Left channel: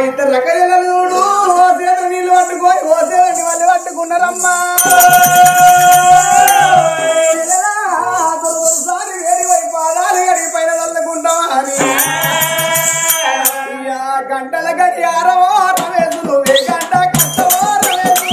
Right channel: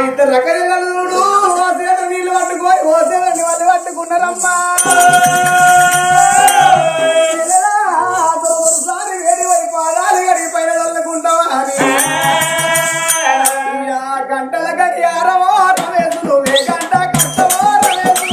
ఇద్దరు రకరకాల చూడు ఓ సేద నీళ్ళు పట్టుకొని ఓ సేదండి వాళ్ళు పట్టుకున్నారమ్మా వేడి వైపు పాదాలు గడిగి పైన చల్లుకుంటావా అని గంటల గడియారమో రవేసు నువ్వే గంట కష్టమో రవేసు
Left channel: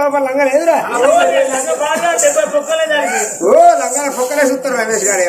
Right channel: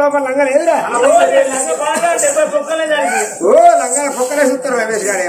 లోపల లంగ లేదురా ఓ లంగ పొక్కలే చూస్తారు రమేష్ గారు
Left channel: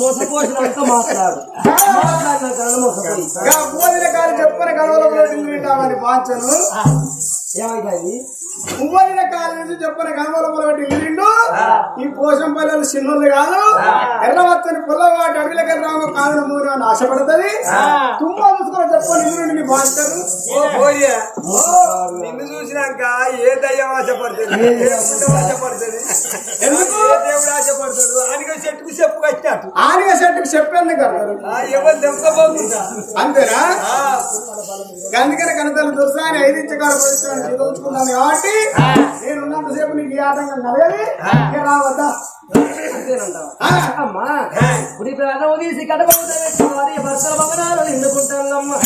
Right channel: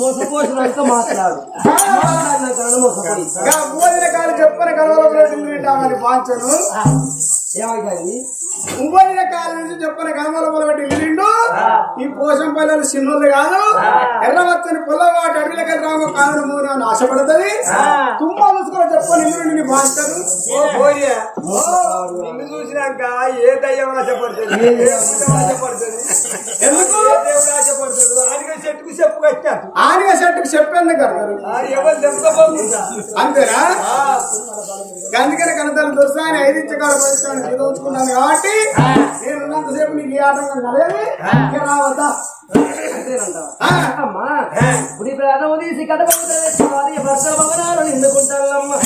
మోసపోసినాక మాట్లాడు భోజన కాలు చెప్పని కలవలమని వాంచను ఏమైంది భోజన కాలం నుంచి చెప్పని కలవలమల ఇల్లు ఈ పోషం పల్లెలు చిన్నోళ్ళు కాదు ఎర్రవచ్చని పుల్లవాటి అడుగులకి రావు కాలు ముందు ఆశపడుతుంది తుమ్మ చూసుకుని చెప్పని ఇల్లు నీ వాంచను నిన్ను చూసినాక ఏ దయ్యం ఆశపడుతుంది ఆశపడుతుంది ఎందుకు దేవుడు ఆశపడతాడు ఆడిగా చెట్టుకు చెప్పు కట్టాడు ఆడిగా చెట్టుకు చెప్పేందుకు కదా అంతేనా అందుకనే కనతలు దొరుకుతా అని 5 ఇంచు కాడ పరిస్థితి చదువుకున్నాను కాబట్టి నేను ఉన్నంతసేపు నీకు ఈ ఆటంకం కలగది రావద్దా అంతేనంటావా గుడి ప్రాణం తీసి కడపడి భర్తల భవనాలు నిండుకుంటానమ్మా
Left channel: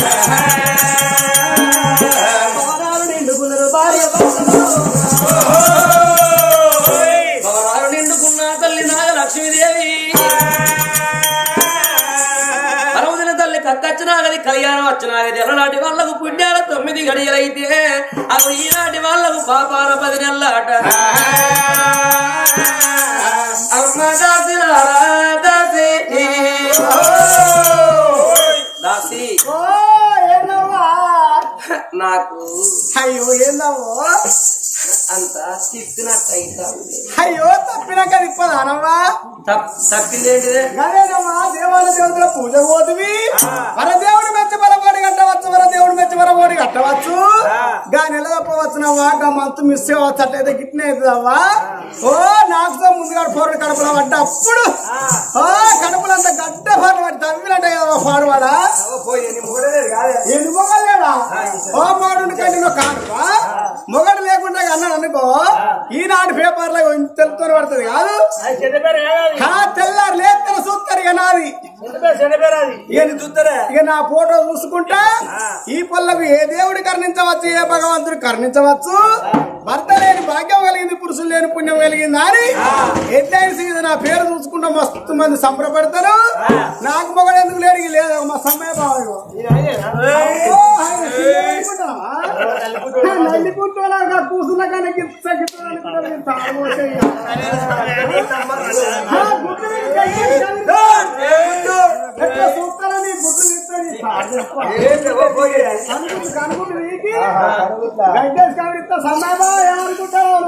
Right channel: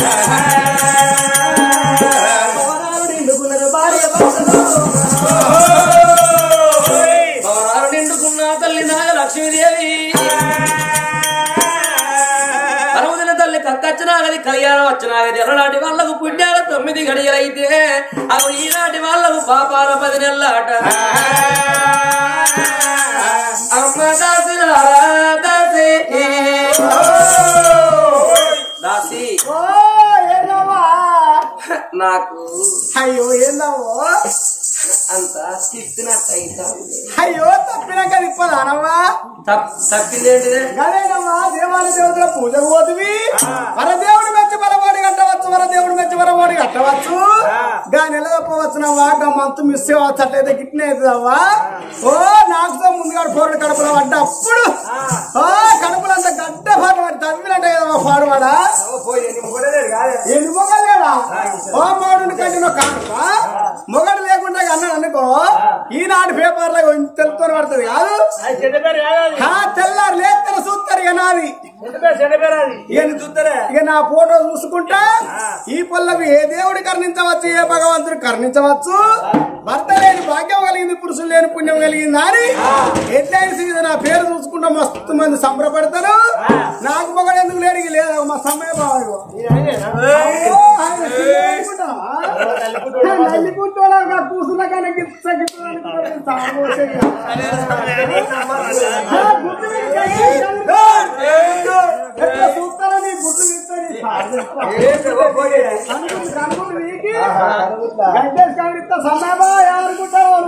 భవనాలు నిండుకున్నారు భార్య భవనాలు నిండుకున్న తల్లి నాగ లక్ష్మీదేవి పరమదిన తల్లి కక్కచ్చినాగది కళ్యాణం వచ్చినాగది ఎల్లనాటి వాళ్లకు పుణ్యాల 9 గడియలైతే అప్పుడు ఈనాటి వాళ్లకు పాపాల 10 నెలలాట అమ్మ దాసి దాసి నాకు అయ్యో ఏందమ్మో అంత తిప్పినట్టయితా అయ్యో తప్పినాక తిప్పదానమ్మా తప్పిందేంటిదే గదేనమ్మా దేవాల దేవతల పూజ పోతువి వరదేవుడు మెచ్చి వరబోడి కట్టవచ్చు వరదేవుడు మెచ్చి వరబోడి కట్టవచ్చు గా నెల తప్పవచ్చునవ్వా గా మంతు మిస్ అవ్వచ్చు అట్లయితే గిట్నే అవుతుందవ్వా ఓ నాకు ముందుగా పోరుడు కడుపులో పడ్డ అప్పుడు ఓ కడుపులంతా గడ్డ పాటు పడి తవ్వినట్టే కదమ్మా పాడువాడా ఎన్ని మొగలేడా ఓ మొగడు కంటే కానుక మొగడు లేకుండా అన్నాడు అనుకో ఈనాడు పేపర్లో తెలుపుతూనే పడుతుంది కాదు తెల్లారు లేస్తారు చూస్తారు ఇక నాది ఇక నా ఫోటో చూసుకుంటా ఈ పళ్ళకు ఏ దేవుడు కర్ణించవచ్చు ఏ భగవంతుడు కర్ణించవచ్చు భర్త లేని భాగ్యం కలిగింది పురుషులు లేని పుణ్యం కలిగిందా అని ఎట్లయిన సీజన్ నా పేరు చూసుకుంటా మస్తు మంది సంబరపడతారు. నాకు మొగడు ఎందుకు లేడు లేదా మా సమ్మయ్య బాబాయ్ నల్లిపుట్టోలాగా కూసున్నా కానీ ఎట్లా చూస్తారని గుడ్లు కనుకుంటు నీకి గంటేసి కనిపిస్తా సన్నాబా ఏమనుకుంటావు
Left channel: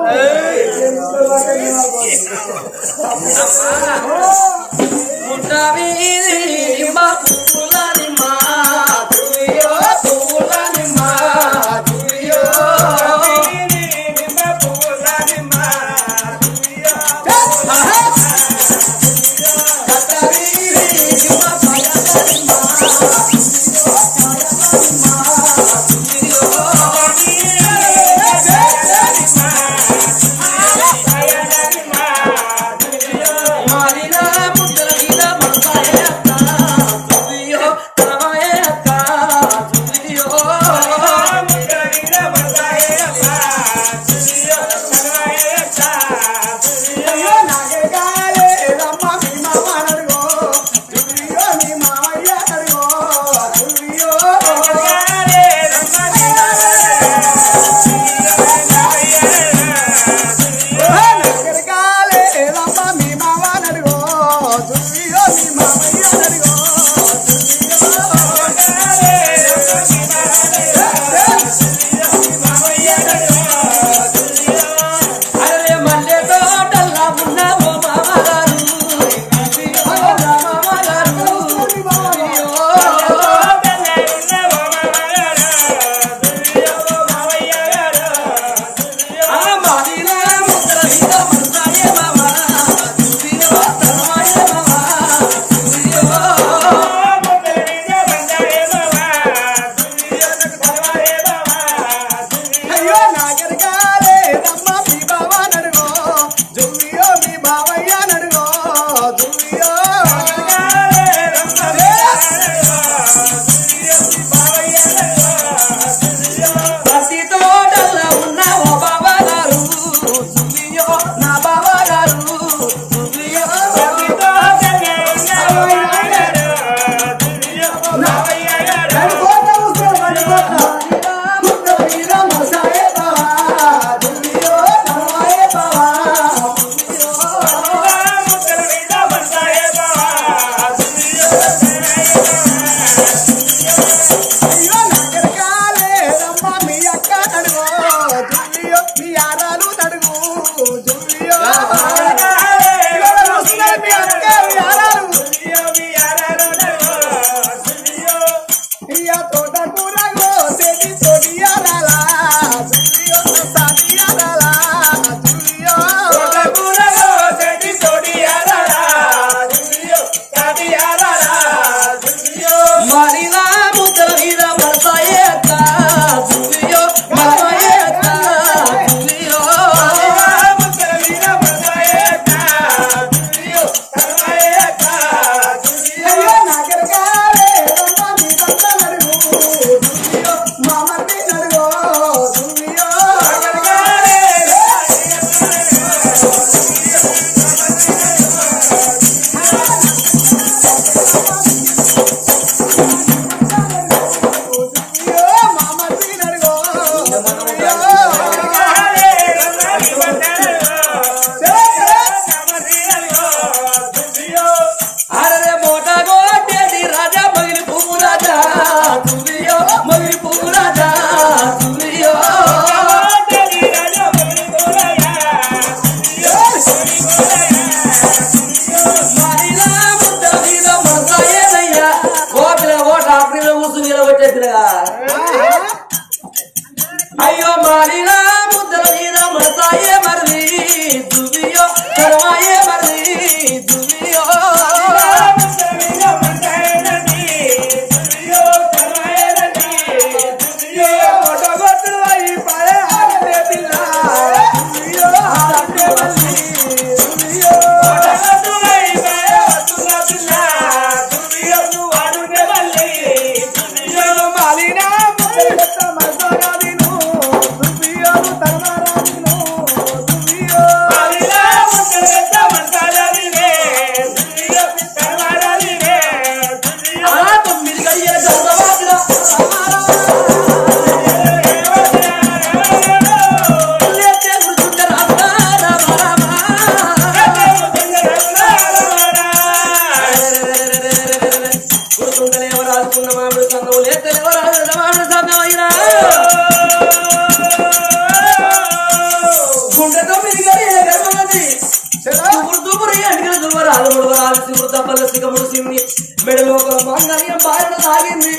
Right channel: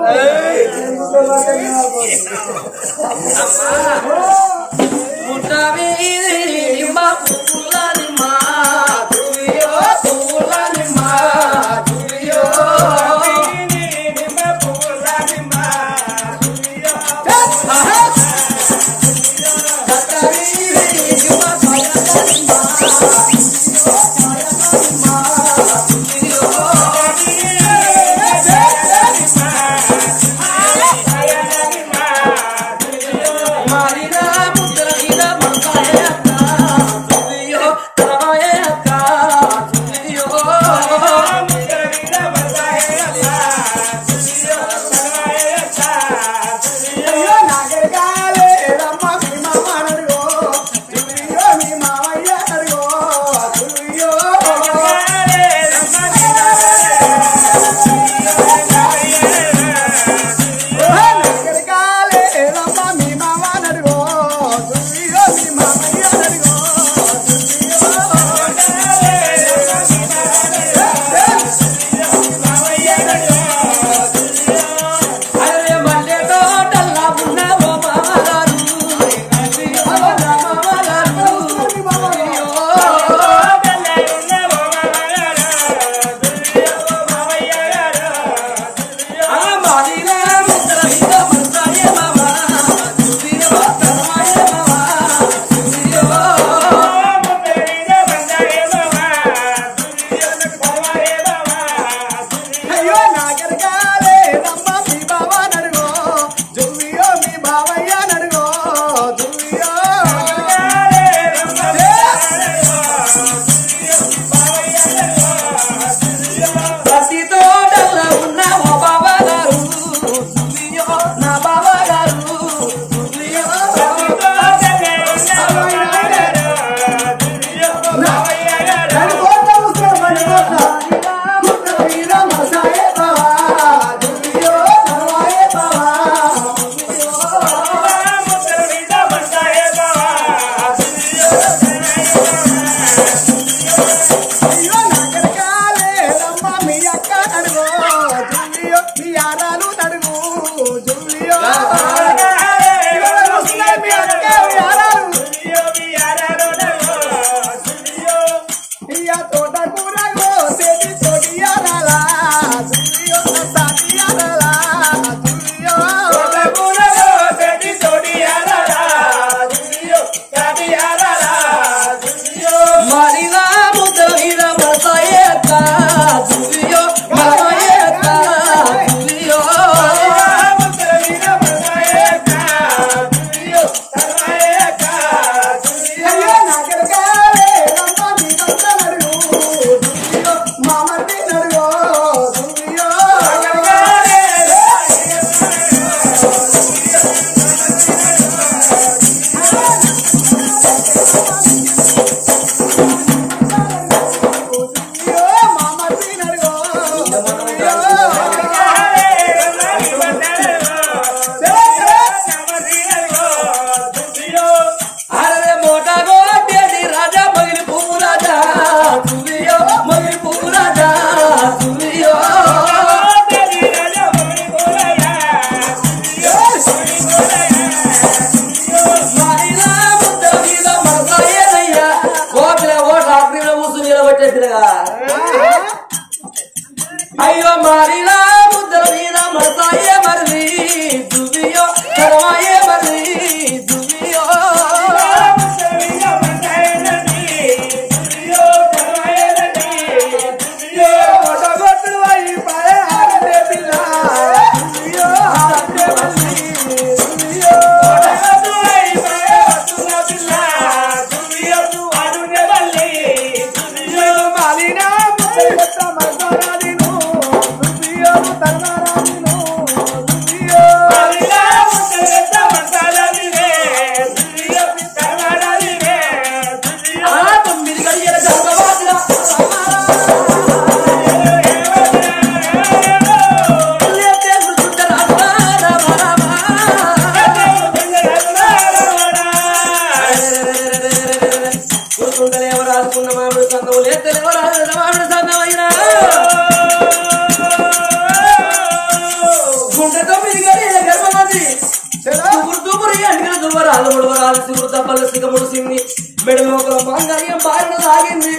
మెడలో మాంగళ్యం బారిన సాగింది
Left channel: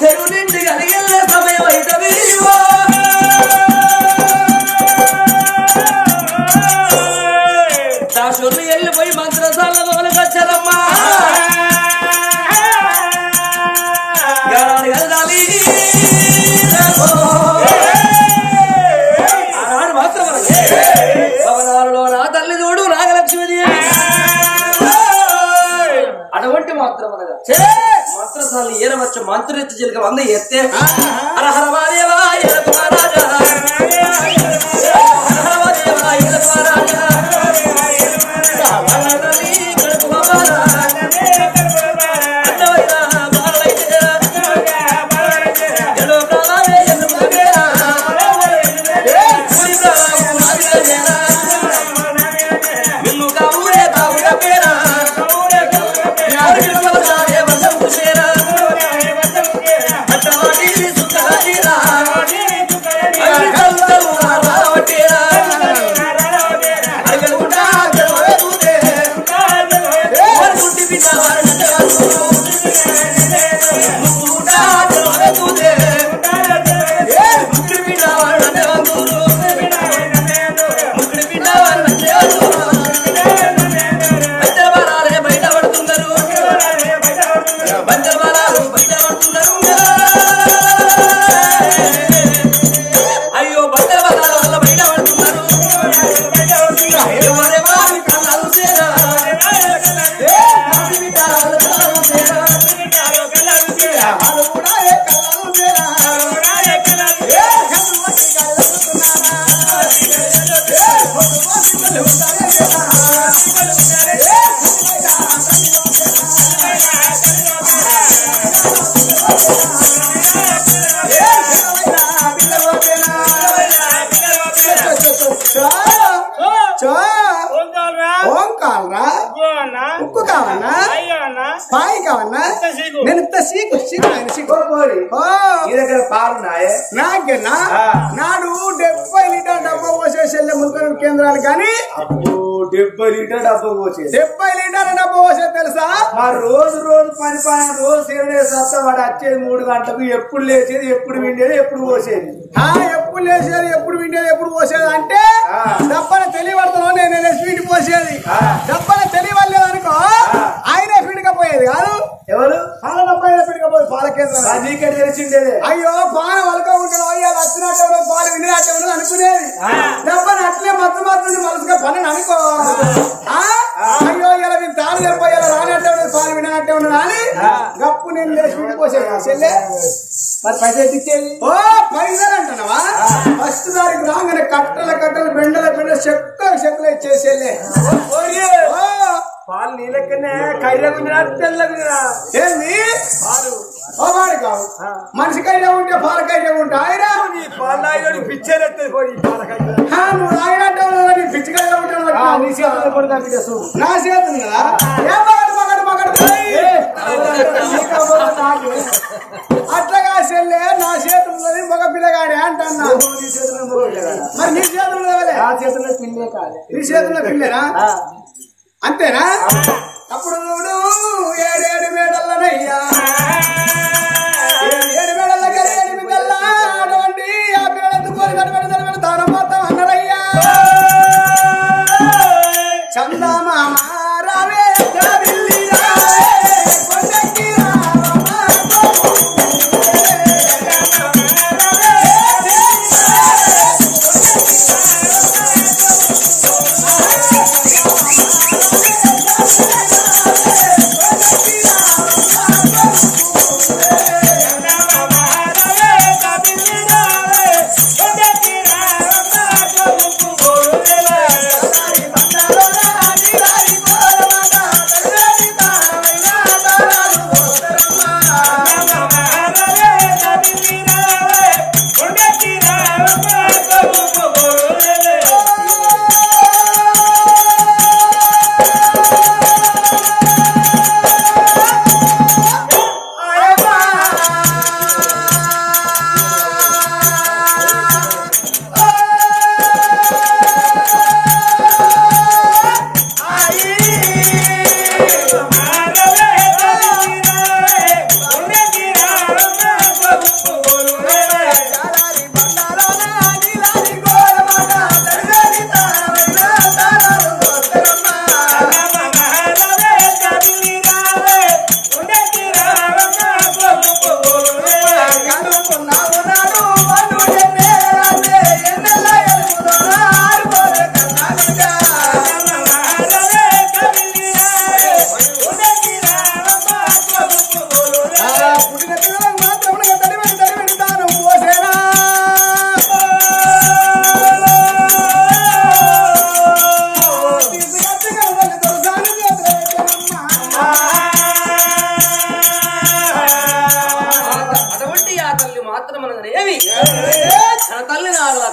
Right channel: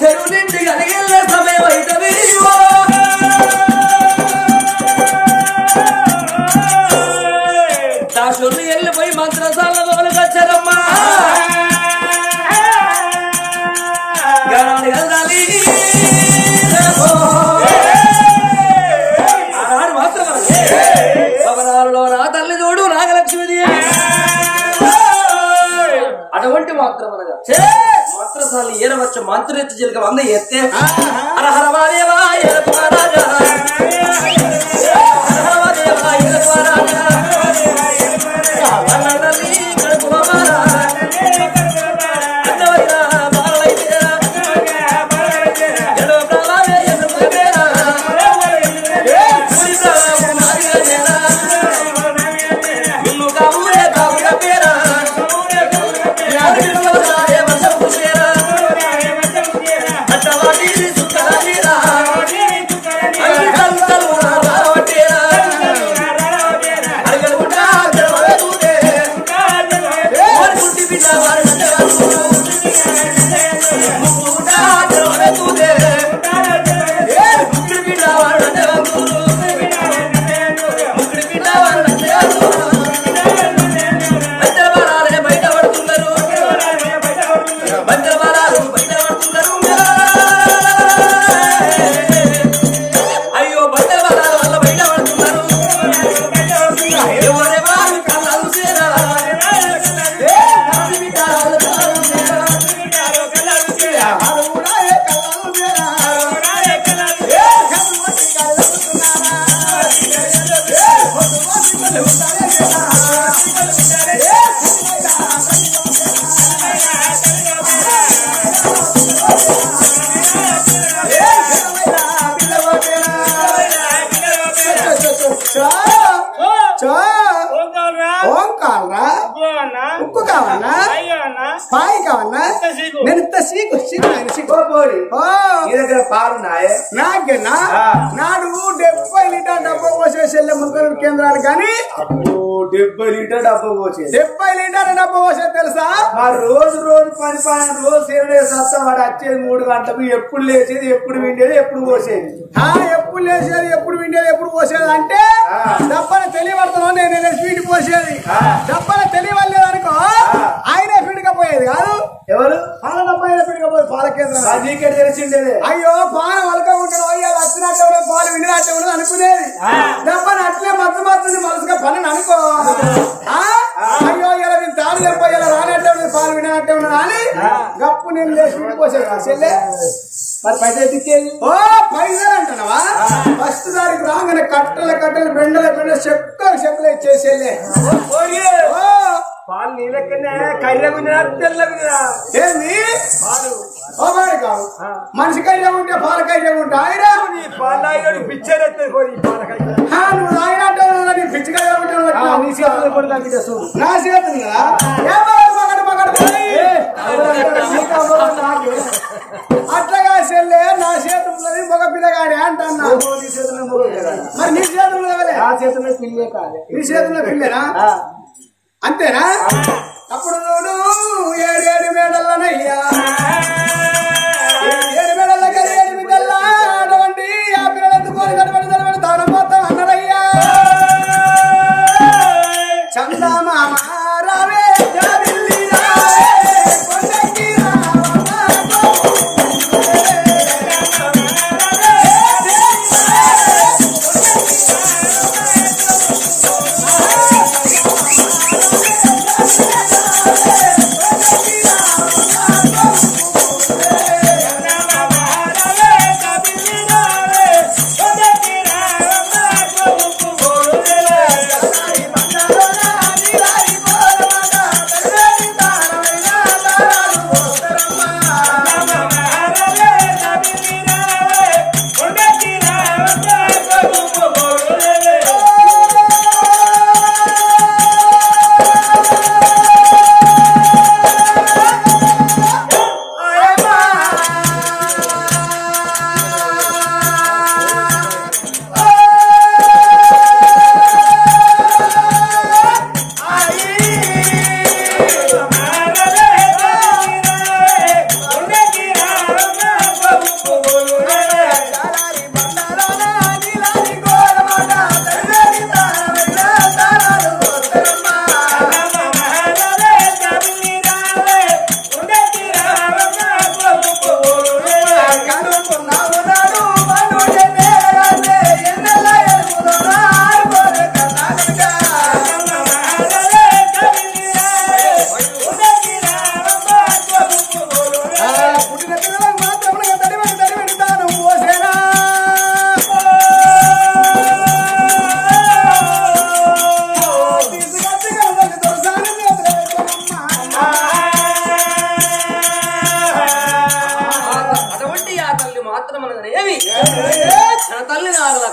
చెరువు నిండి కలిగిన సమయం అవుతుంది దాసులు వెళ్ళిపోయి మంత్రశాలలో వచ్చారమ్మా వెళ్ళాలి ఆనాడు మాత్రం భవనాలలో నా తల్లి చూడు నాగలక్ష్మిదేవి అటువంటి మాత్రం అనగా మంత్రశాలి ఏరవచ్చ మంత్రెత్తి చిలక వంద ఎత్తే హరహరవాదేవా ఏరకు మహారాజా హరహరవాదేవా ఏరకు మహారాజా తల్లి కడుపు మహారా అన్నవైనా బాలైతేరా ఎలో ప్రాణాలే ఎందుకు పేరా పూడి ప్రాణం మాదిరా నిన్ను కావురే కావుర పేరా ఉక్కు కావన్నా పాయి కావన్నా నేను ఇంత సీకు నాకేనా నాడు 70 లీటర్ డబ్బా పోసేసి వెళ్ళే మున్సిపల్ కేంద్రానికి కానీ 70 లీటర్ డబ్బా పోసేది 70 లీటర్ డబ్బా పోసేది తెలుసా రోజు పరిపాలన రోజు సత్తా వాడు వచ్చేది 3 గంటలకు ఎప్పుడు లేచేది ఎప్పుడు విండేది ఎప్పుడు పోసేది ఎప్పుడు లేచేది ఎప్పుడు విండేది ఎప్పుడు పోసేది అంటే డబ్బన తెలియబడుతున్నావు నేను స్వీట్ పోసేది డబ్బన తెలియవలేదనుకో ఆయనే ఫీడ్కపోయేది కాదు ఎవరు పాల డబ్బా అయినా ఫీడ్కపోయేది పాల కేంద్రం నీకే తెలిసిండేది అయ్యో పాన వలకుంటాడు అయ్యా వచ్చినట్టు పాలు విండినట్టు ఉండదు అనుకునేది డబ్బని అట్లే మత్తు మనసుగా పని అనుకో అయ్యో ఇలా నేను తాను చెప్ప ఇలా రానట్టే ఉండదు పాలు వినట్టే ఉండదు అని గప్పు నేను లేచి విడిపోసేది చెల్లె మరి పైసలు ఇచ్చేది పైసలు అంటున్నావా ఫస్ట్ దానికి రాగానే కట్టలు బెండలు చెక్కులు ఇచ్చేసి చెల్లె పాలు నీ లెక్కనే కైరగుండా తెల్లగుండా ఏంది పాలు వాడు కాదు మనిషి కైనా ఉంటే పాల కైనా ఉంటా ఆయన నీ పాలు పిచ్చేది పోయి నువ్వు రాయినట్టు నీ పిచ్చికైనా ఉంటావు నీ చేతులు పడతా బిడ్డ నా చేతులు కదా అట్లాగా చెల్లె నా చేతున్నది మగ పిల్లగాడే అంటున్నా మరి నీ చేతులు ఆ చేతుల్లో పిల్లే కాదు నీ చేతుల్లో పిల్లేనా అంతేనా అప్పుడు చూడు 7 మేడల్లనయ్యా 7 మేడల్ల కలి 8 పిల్లల అటువంటి ఆ పిల్లలెత్తుకొని తడబడి తానం మొత్తం అన్నరయ్యా చందమామ రావే రావిల్లి రావే కొండకి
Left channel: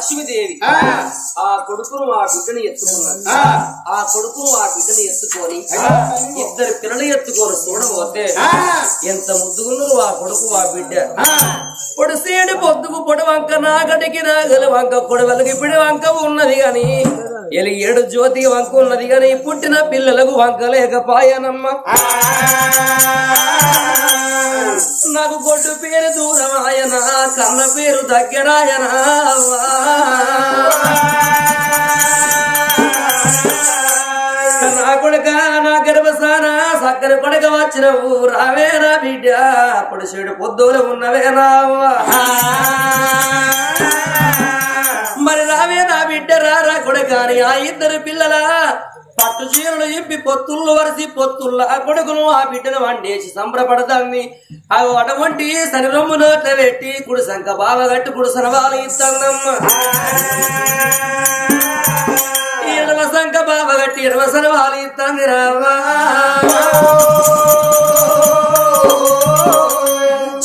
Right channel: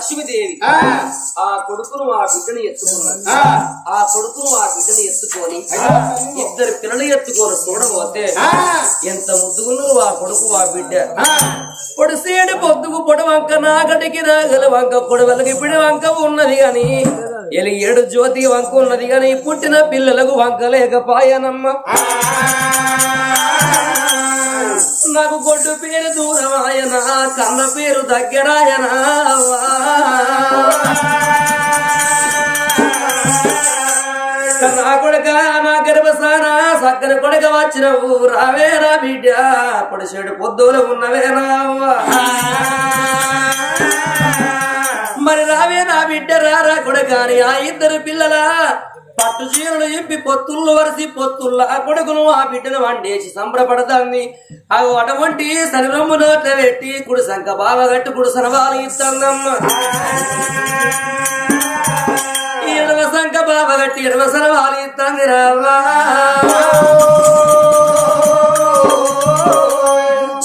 లక్ష్మీదేవి ఆ కొడుకును ఆ బిడ్డని ఎత్తుకున్నది. ఆ కొడుకును ఆ బిడ్డని ఎత్తుకొని ఇద్దరు పిల్లలు ఎత్తుకొని చూడబోతే ఎంత ముద్దుగున్నారు ఆ కొడుకు ఆ బిడ్డ. పొడిసేడు పొద్దుకు పొడి వంక నాగటికి నాగల వంక పొడవలకి పిడి వంక ఉన్నది గాని ఎలి ఏడు జ్యోతి వంక ఉన్నది గాని పుట్టిన పిల్లలకు వంక లేకపాయనమ్మ. నాకు గొడ్డు పేరు దూరమాయన కన్న పేరు దగ్గరాయన. నా కొడుక నా గర్భసాన సక్కర కొడుక వచ్చినవు రావేరా బిడ్డ పొడిసేడు పొద్దులు ఉన్నవేనా మరి రావే నా బిడ్డ రారా కొడుకాని ఆ ఇద్దరు పిల్లల పట్టు చీరలు ఇంపి పొత్తుళ్ళు వరిసి పొత్తుళ్ళ ఆ కొడుకును ఆ బిడ్డను వండేసి సంబరపడతాంది. అవి అటువంటి శరీరము నోట్ల పెట్టి కుడి సంక బావ గట్టి కుడి సనవాలు ఇస్తాందమ్మ. ఎడవ సంక బావ గట్టి ఎడవ సనవాలు ఇస్తాంది రావా.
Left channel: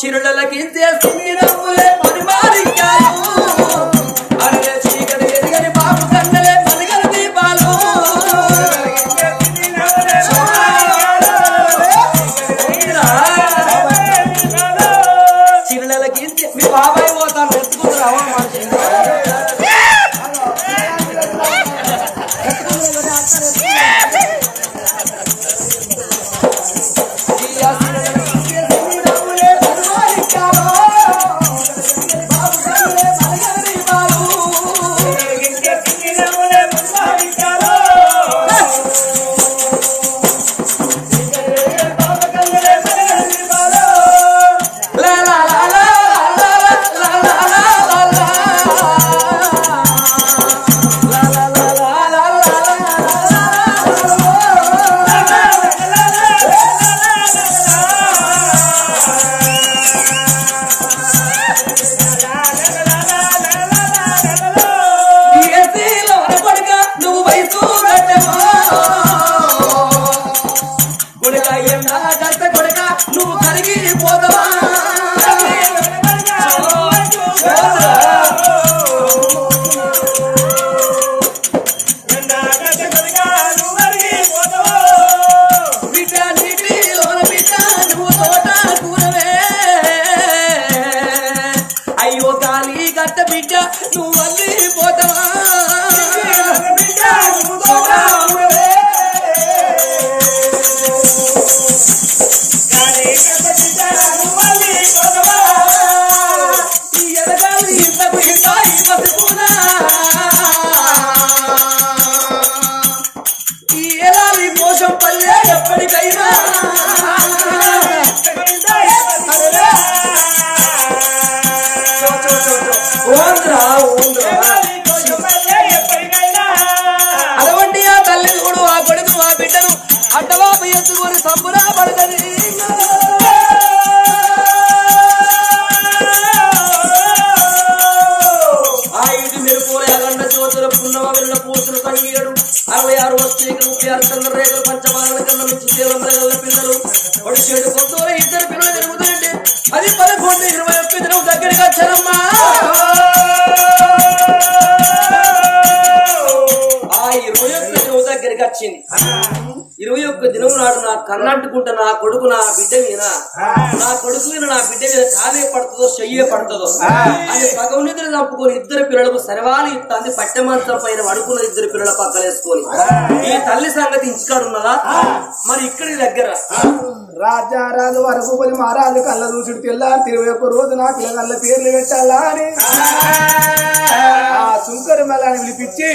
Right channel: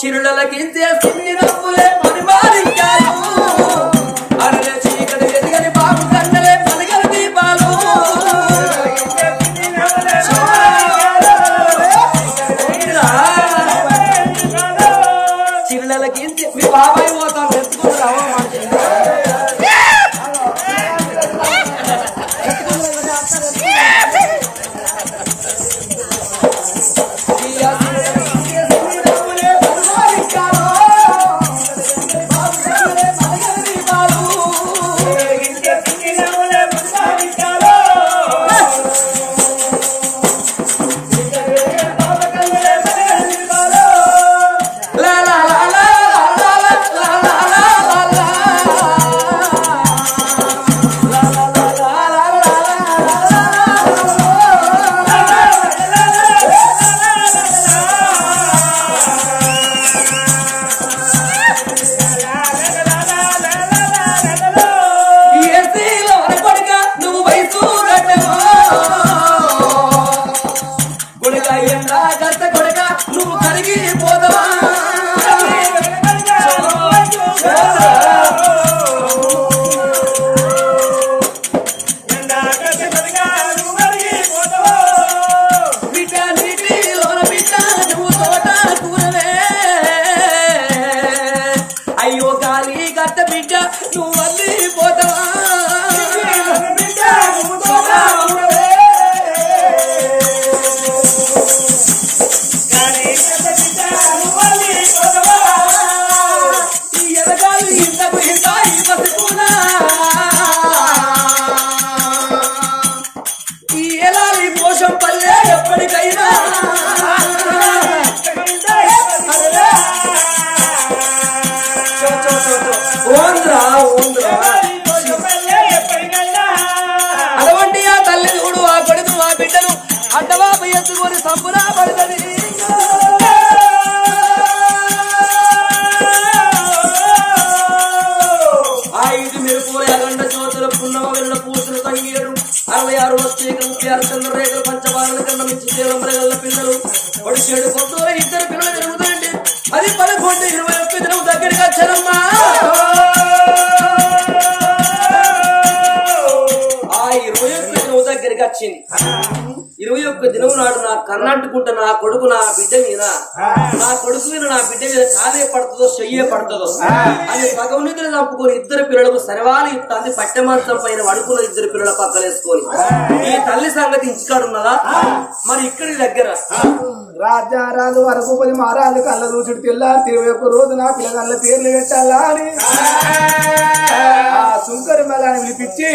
చిరులకించే సిన్ని నవ్వులే పని మారించారు అరే చీకటి ఎదిగని బాబు కన్నలే పలిగల దీపాలు. చిరులకించి మీ బాబాయ్ పోతాను ఎత్తుకుంటారా అటువంటి ఆ తల్లి చూడు ఆ కొడుకు ఆ బిడ్డను అడ్డవాపు ఎత్తుకొని సంబురా పడుతుంది. ఆ ఇది మెరుపుల అగండ జ్యోతుల పున్నమ వెళ్ళ పూసులు సంగీడు 66 వస్తీకలు 36 చంద్రరేఖలు పంచబాలన కన్నా మించి శీలమరగల్ల పిల్లలు పొడిచేడు కొత్తూర ఇద్దరు పిల్లలు పెరుగుతాయండి. అది 11 21 దినం దగ్గరికి వచ్చారమ్మా. ఆ 21 దినం దగ్గరికి వచ్చింది. 21 దినం నాడు నా కన్నంటుకుంటా నా కొడుకు నా బిడ్డ మీద నా కొడుకు మీద నా బిడ్డ మీద కానే పడుతుందో చెయ్యే పడుతుందో అని భగవనిధులు చంపుకొని ఇద్దరు పిల్లలకు సరవాలి ఇస్తుంది. పట్టెమంచం పైన పడుకున్న ఇద్దరు పిల్లల పక్కలేసుకొని ఈ తల్లి సంగతి ఇంచుకాడున్నదా మరి ఇక్కడి దగ్గర రాజారాజు వరకు 10 మహారాజు కళ్ళ దూచుడు తెల్లారి 21 రోజు నా పిల్లగల్ల పేర్లు పెట్టాలా అని ఆ సుంకరి మల్లాని పిలిపించి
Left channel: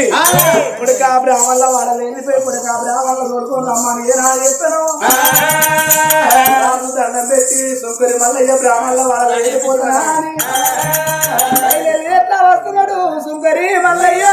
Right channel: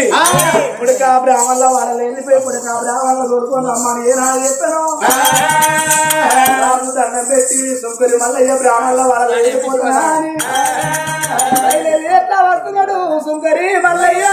పుడకా బ్రాహ్మణుల వాళ్ళని వెళ్ళిపోయి పుడకా బ్రాహ్మణుల దొరుకుని రమ్మని ఏనాడు చెప్పాను. దండం పెట్టి సుంకరి మల్లయ్య బ్రాహ్మణుల వాళ్ళ వెళ్ళిపోతున్నా అని ఎట్లా వస్తున్నాడు సుంకరి మల్లయ్య.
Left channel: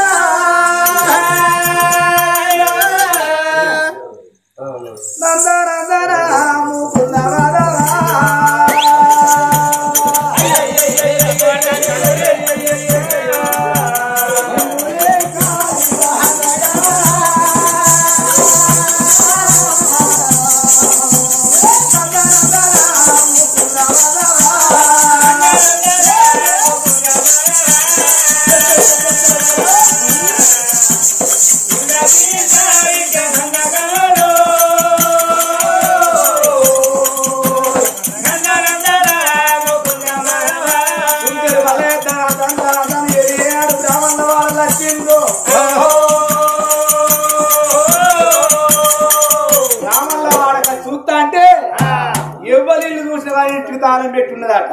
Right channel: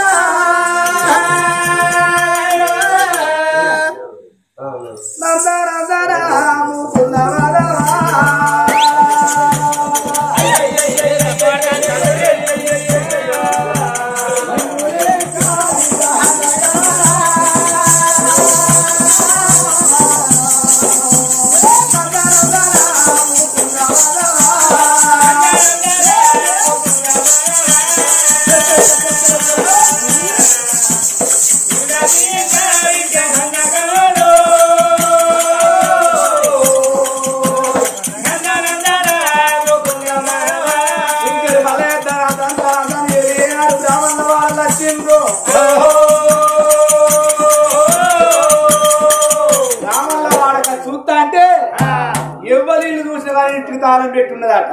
తాళం పెట్టి ఉన్నదట.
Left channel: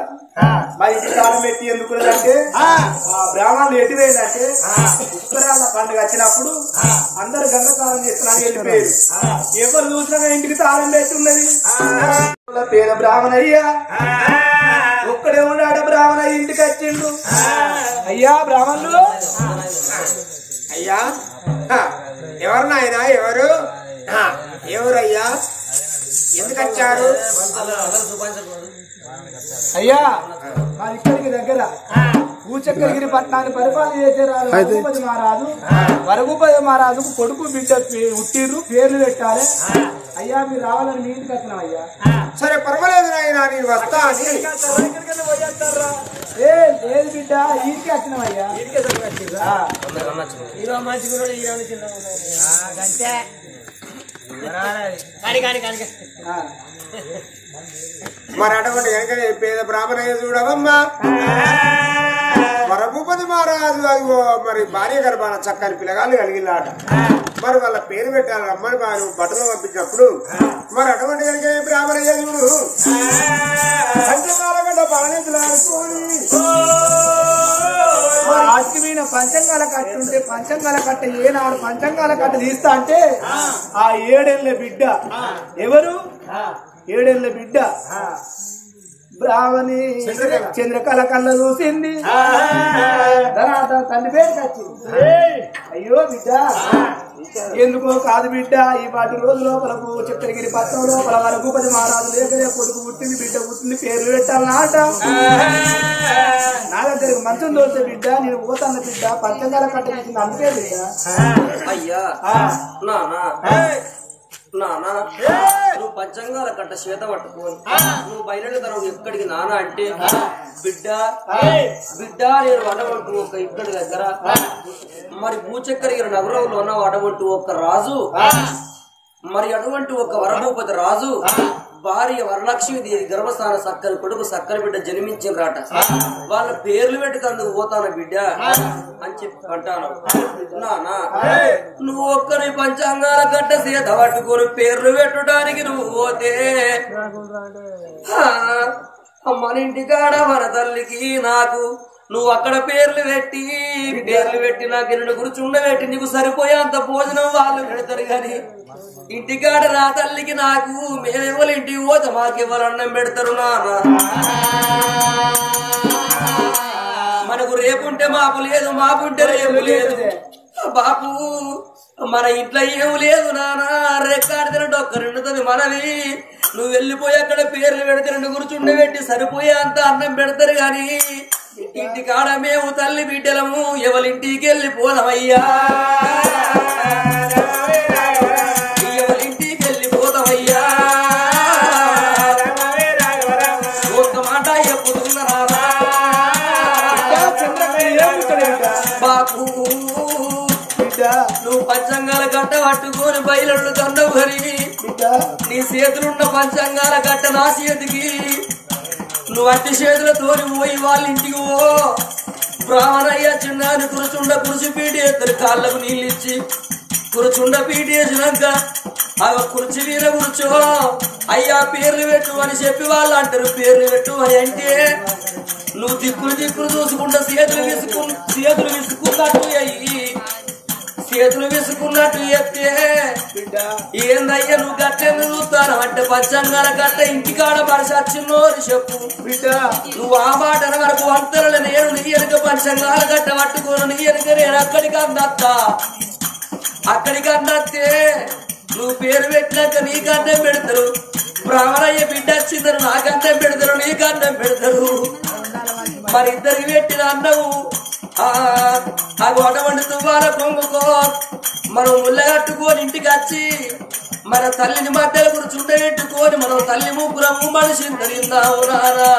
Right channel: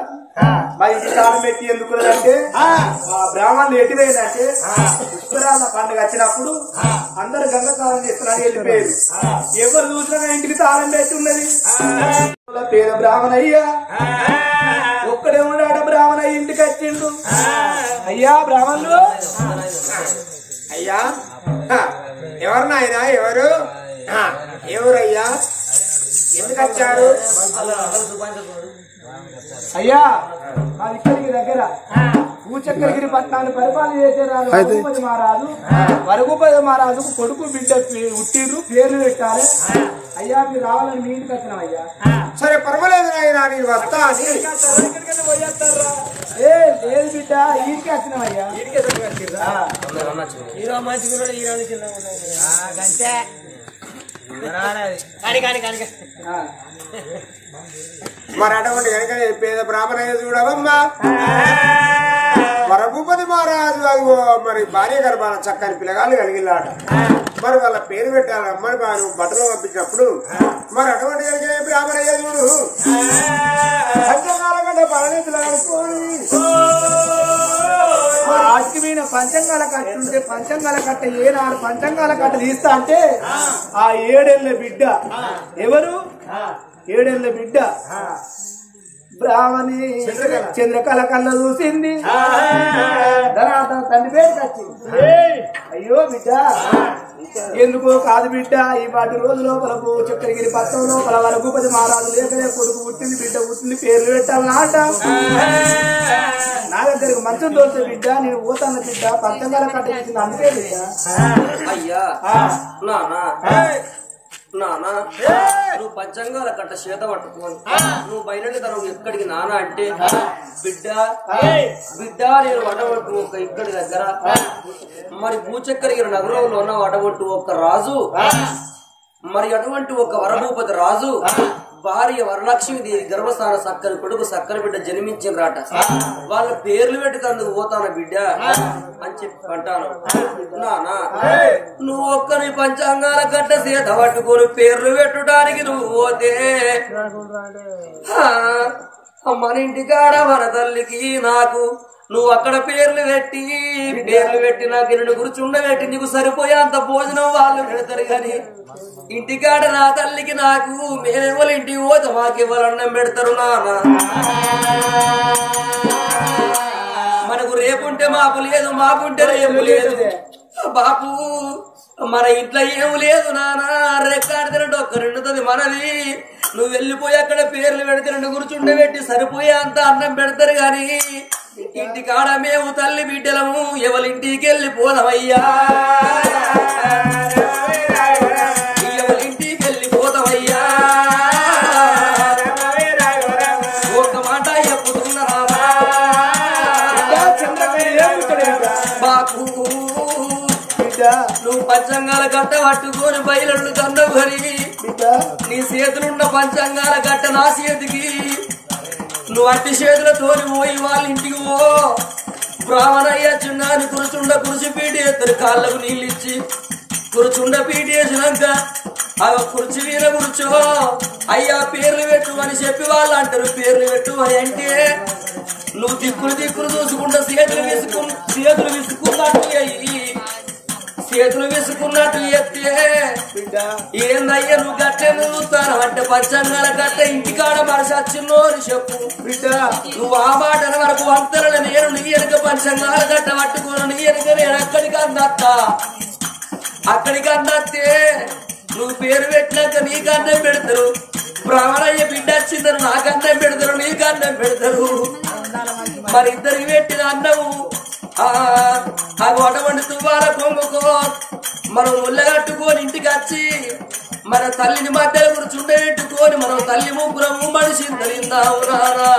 మా ఇంటికి తాళం పెట్టి ఎందుకున్నదంటే బ్రాహ్మణులు ఎటుపోయిందంటే పుష్కరాల పండుగ వచ్చినప్పుడు అందరు గంగతాళం చేస్తున్నారని వెళ్ళిపోయారు. ఎవరు చూసినా ఇంటికి తాళం పెట్టి ఉన్నది. పేద బ్రాహ్మణయ్యా ఒక్కడే ఉన్నాడు. బ్రాహ్మణయ్య ఇంటికి వచ్చిండు. అయ్యా బ్రాహ్మణులు, అయ్యా ఎవరు నాయన? ఎవరు ఎవరయ్యా? ఎందుకు వచ్చారు? అయ్యా మా ఇక్కడికి దగ్గర భూచక్రగిరి పట్టణాన్ని పరిపాలన చేసే రఘుపతి మహారాజు, రఘుపతి మహారాజుకు కొడుకు బిడ్డ ఉట్టిర్రు, పేర్లు పెట్టాలి. అయ్యా మీరు రావాలని మీ ఇంటికి వచ్చినాం. అయ్యా సరే పర్వాలేదు నాయన, నేను వస్తా. లేదు బిడ్డ ఇంటికి వచ్చినాం. అయ్యా మరి అటువంటి కనుక పేద బ్రాహ్మణయ్య చూడవమ్మా. రఘుపతి మహారాజు అదిగో మరి భార్య గర్భాన చక్కని పిల్లగాళ్ళు కలిగిలాట. మరి వాళ్ళ పేరు పెట్టాలమ్మని వారు బట్టలు పంపించినప్పుడు మరి అటువంటి కనుక బ్రాహ్మణయ్య చూడు పంచకాలగడ్డ పరనేతులు ఆడుకోని ఆటికి మీద పంచంగాల కట్ట ఉంటే పంచంగాల కట్ట ఏనాడు పంచంగాల కట్ట తీస్తా అంటే ఆ 7 ఏళ్ల బిడ్డ ఎవరు? 7 ఏళ్ల బిడ్డ బ్రాహ్మణి చంద్రకళ కళ్ళ చూసింది. తండ్రి పేరు కచ్చింది. అయ్యో బిడ్డ ఎందుకు కాదు బిడ్డ, ఈ వాటి రోజు లోపలకు చక్రగిరి పట్టణం లోపల రఘుపతి మహారాజు లేకనే కొడుకు పుట్టింది, బిడ్డ పుట్టింది, పేర్లు పెట్టాలన్నమాట. నా దగ్గరకు మంచం తోలితే బిడ్డ నేను పోతాన్న బిడ్డ పంచంగాల కట్ట ఇచ్చింది అందుకే బిడ్డ. అయ్యా నానా నువ్వు పంచంగాల కట్ట చేత పట్టుకొని నువ్వు బయలుదేరి తర్వాత ఎక్కడికి నానా అంటే బిడ్డ నేను వడబట్టు ఒక ఇక్కడి దగ్గర మరి భూచక్రగిరి నగరంలో ఉన్న వడబట్టు ఒక రాజు, మరి అటువంటి ఒక వరభూపతి రాజు భార్య వరలక్ష్మి గర్భస్థాన సక్కని కొడుకు సక్కని బిడ్డ జన్మించిన రాట. వాళ్ళ పేర్లు పెట్టుకందుకు పోతాను బిడ్డ అని చెప్పి అంటాను. నానా నువ్వు ఒక్కరి పంచాంగాల కట్ట సీత పట్టుకొని పేర్లు పెట్టడానికి నువ్వు పోతే మన ఇంటికాడ మన తల్లికి నాకు నువ్వు అక్కడ పేర్లు పెట్టి నాకు నిన్ను కూర్చుండబెట్టి నీకు సరిపోయేంత భోజనం వాళ్ళు పెడతారు. కానీ ఇంటికాడ నా తల్లికి నాకు మేమెవరు ఇంటికి పోతే మాకెవరు అన్నం పెడతారు నానా. మనకు రేపుంటే మాపు లేదు, మాపుంటే రేపు లేదు బాపు. మన ఇంట్లో ఏమి లేదు నానా. రేకాడితే ఒక్క రెండుతుంది మనవి. నువ్వు వెళ్ళిపోయి అక్కడ పేర్లు పెడితే రెండు కూర్చుండబెట్టి సరిపోయే అంత అన్నం పెడతారు. గాని ఇంటికాడ మేము తల్లి బిడ్డలము ఎవరింటికి వెళ్ళిపోదామయ్యా, ఎవరింటికి వెళ్ళిపోదామయ్యా. ఒక మాట చెప్పుతున్నా బాపు, నువ్వు పంచంగాల కట్ట పట్టుకొని బయలు కన్నావు కానీ నీ చేతులున్న పంచంగాల కట్ట నా చేతికి నువ్వు అట్టి చేతులతోని పోయి వాళ్ళ ఇంటికి పో. బ్రాహ్మణయ్య చిన్నాన్ని కురిచి పీటి ఎత్తరు, కాళ్ళకు నీళ్ళు ఇచ్చి కురుచుండ పీటి వేసినాక ఆ కుర్చీ మీద కూర్చో అయ్యా పేర్లు పెట్టు అని చెప్పి వాళ్ళు అంటారు. పేర్లు పెట్టు అంటే నువ్వు దిక్కులు చూసుకుంటా చేతులు విసుకున్నట్టు అయ్యి చేతులు విసుకున్నట్టు ఎత్తే బిడ్డ ఏందయ్యా నువ్వు గట్టే చూస్తాను అంటే పంచంగాల గట్ట ఇంటికాడ మనిషి వచ్చిందో అని చెప్పు బిడ్డ. నువ్వు ఆ మాట వరకు వంతలు నేను నీ వెనుక పంచంగాల గట్ట పట్టుకోను, నీ వెనుక నేను అక్కడికి అందత్తే నువ్వు పేరు పెట్టినాక నీకు అన్నం పెడతారు. బ్రాహ్మణయ్య బిడ్డ వచ్చిందని నాకు అన్నం పెడతారు, నీకు అన్నం పెడతారు. మరి ఇద్దరికి పెట్టిన అన్నము ఆ గొడవండి తువ్వాల పొంగుకో మనం ముళ్ళగట్టుకొని ఇంటికి వచ్చి మన తల్లిని మధ్యలో కూర్చుండబెట్టుకొని మనం తల్లి ముగ్గురము మనిషిని కలిగిందావు నారా.